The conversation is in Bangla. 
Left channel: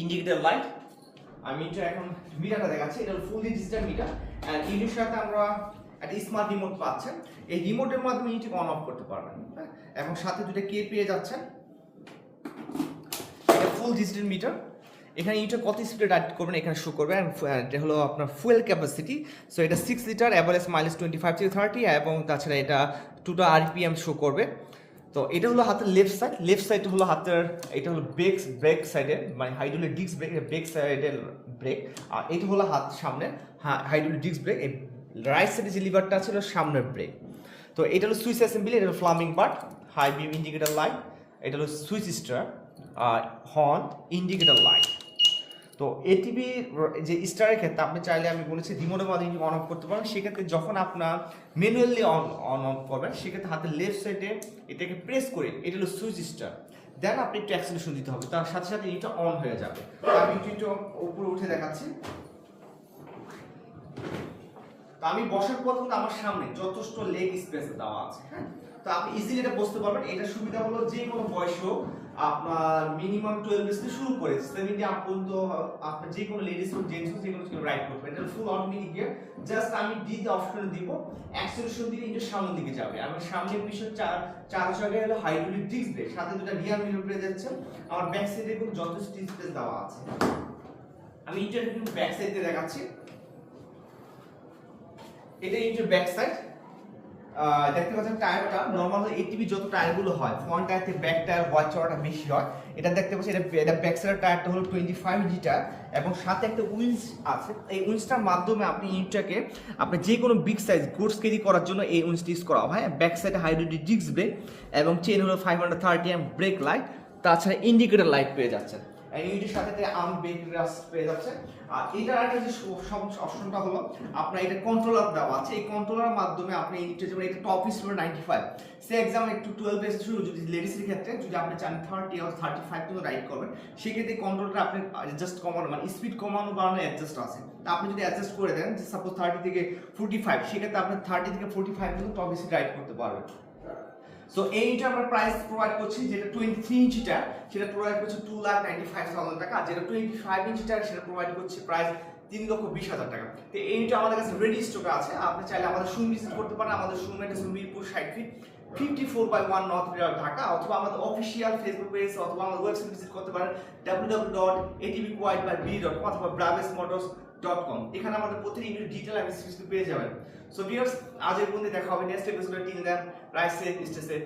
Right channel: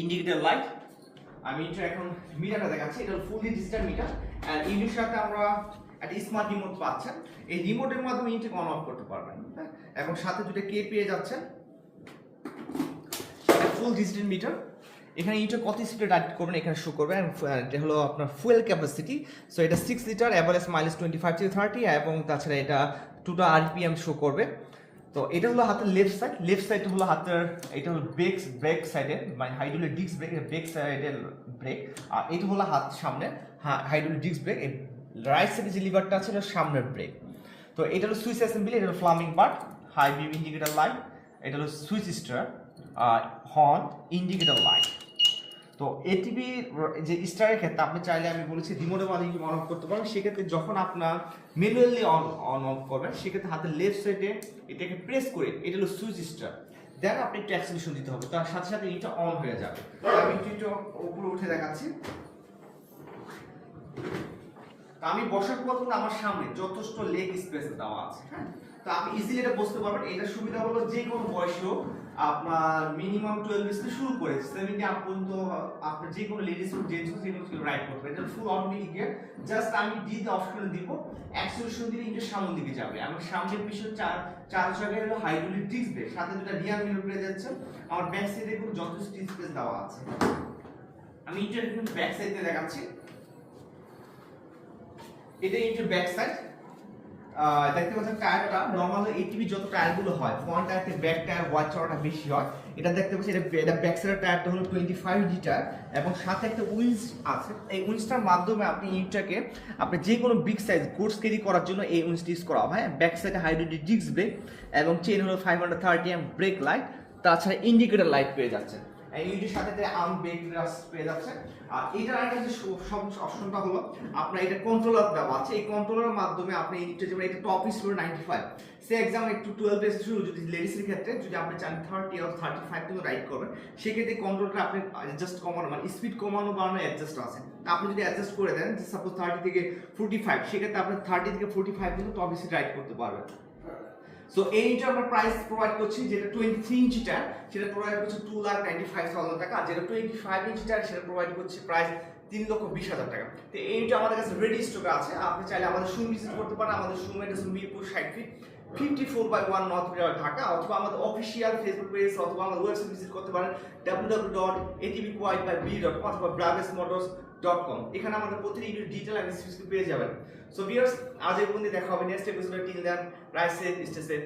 Indicator light. আমি এটা এখন মিটারটা দেখাচ্ছি, এটা ফুললি ডিজিটাল মিটার। আর এর সাথে আমরা একটা স্মার্ট রিমোট পাচ্ছেন। এই রিমোটের মাধ্যমে ইউনিটকে অন অফ করতে পারবেন, এবং সাথে দুটো কে পেয়ে যাচ্ছেন। এটা ফুল ডিজিটাল মিটার। এখানে ইউনিটে কত স্পিডে রাইড করবেন এখানে শো করবে। এটা হলো আপনার ফুয়েল ক্যাপাসিটি। সো এটা 6 লিটার, অ্যাভারেজ মাইলেজ 25 থেকে 30, এবং তাছাড়া এটা 2টা আরপিএম শো করবে। তো এটা হলো হাতের লেফট সাইড হলো হাতের, এটা হলো ব্রেক সাইডে, মানে হাইড্রোলিক ডিস্ক ব্রেক সাইডের ব্রেক। আর এটা হলো হাত সামনে হাইড্রোলিক ডিস্ক ব্রেক। এই রাইট সাইডে যে লিভারটা ছিল সামনের ব্রেক। তো এটা হলো সুইচ অ্যাসেম্বলি, এটা হলো flaming part, high beam indicator light, এটা হলো switch star, horn, indicator light. তো এটিভি যে স্টারের ক্ষেত্রে আপনি চাইলে, আমি বলেছি রিমোটের মাধ্যমে অন অফ করতে পারবেন। সেক্ষেত্রে যখন আপনার ম্যানুয়ালি অন অফ করবেন, সেক্ষেত্রে হাতের লেফট সাইডে এটাকে প্রেস করে, এটা হলো সুইচ স্টার, দেন আপনি একটু অ্যাক্সিলেশন দিতে হবে, তার সাথে সাথে এটা অন হয়ে যাবে। আমি একটু উপরে উঠে দেখাচ্ছি। তো আমি বসার পর কিন্তু আমার সামনে যথেষ্ট লেগ স্পেস দেওয়া আছে, হ্যাঁ। তো আপনি ইজিলি এটা বসতে পারবেন। এটা সুবিধা হলো যে কোনো বয়সেও আপনার মিনিমাম 12 থেকে শুরু করে 70 আপ পর্যন্ত আপনার যে কোনো লেডিস ও জেন্টস যে কোনো রাইড করতে পারেন। এটা ফুল অটোমেটিক গিয়ার। জাস্ট আমি ডিতে অপশন দিব, অ্যাক্সিলারেশন দিলে এটা সামনের দিকে যাবে। আমার সামনের পিছনে চার জায়গায় হলো হাইড্রোলিক ডিস্ক ব্রেক, সাথে দুটো রিয়ার মিরর পেয়ে যাচ্ছে। আমার ব্যাক সাইডে কিন্তু যথেষ্ট স্পেস দেওয়া আছে। আমি এটা কিন্তু ব্যাক সাইড দিয়ে দেখাচ্ছি। এটা ইঞ্জিন ব্যাক সাইড। দেখতে পাচ্ছেন টায়ারটা নরমাল এটিভি যত টায়ারগুলো হয়, ফ্রন্ট টায়ার থেকে ব্যাক টায়ার ওয়াইড চড়াটা বেশি হয়। এটা দেখতে পাচ্ছেন, এটা ব্যাক সাইডের টায়ারটা হলো 25 লিটার, এবং সাথে একটা উইন্স আছে। এই উইন্সটার মাধ্যমে আপনি ইঞ্জিনটাকে আপনি যে কোনো বিগ সাইজ গুডস ক্যারি করার জন্য এই উইন্সটি ইউজ করা হয়। ব্যাক সাইডে হাইড্রোলিক ডিস্ক ব্রেক, এবং চেইন হলো 530 এম ব্রেক লাইট, তাছাড়া ইন্ডিকেটর লাইট পেয়ে যাচ্ছে। ইউনিটের সাথে আর্ম ব্রেক রাস পেয়ে যাচ্ছে। আর এটার আরেকটা যে অপশনটা হলো আপনার এটা কন্ট্রোলার দেওয়া আছে। এই কন্ট্রোলারের মাধ্যমে আপনি ইউনিটে যেমন এটা টপ স্পিড 95, সে এক্সাম একটু 12 এর শুরু, যদি লেডিসের ক্ষেত্রে যদি আপনি চান 30 অর 35 পর্যন্ত রাইড করবেন, সেক্ষেত্রে কন্ট্রোলটা আপনি অ্যাডজাস্ট কমানো, মানে স্পিড কমানো বাড়ানো অ্যাডজাস্ট আছে। আপনি যদি অ্যাডজাস্ট করে দেন, সাপোজ 30 থেকে 45, সেক্ষেত্রে আপনি 30 থেকে 45 পর্যন্ত টপ স্পিড রাইড করতে পারবেন। সো এইটা আমরা প্রাইস প্রোভাইড করছি, যেটা 23 ইঞ্চিটা সেটা প্রোভাইড করছে 2,95,000 টাকা, আর যেটা 25 ইঞ্চিটা সেটা প্রোভাইড করছে প্রাইস 3,20,000 টাকা। তো এইটা আমাদের কাছে রেডি স্টকে আছে। আপনি চাইলে আমাদের শোরুম ভিজিট করতে পারেন। আমাদের শোরুম এর মিরপুর 60 ফিট 54/1 নর্থ মিরর ঢাকা, অথবা আমাদের অফিশিয়াল ফেসবুক পেজ অথবা আমাদের ওয়েবসাইট ভিজিট করতে পারেন www.atvquad.com অথবা bravesmotors.com। এখানে আমাদের প্রতিটি ডিটেইল অ্যানালিসিস পেয়ে যাবেন। সো ভিউয়ার্স, আজ এই পর্যন্ত দেখা হবে নেক্সট এপিসোডে। Till then, ride safe, stay safe.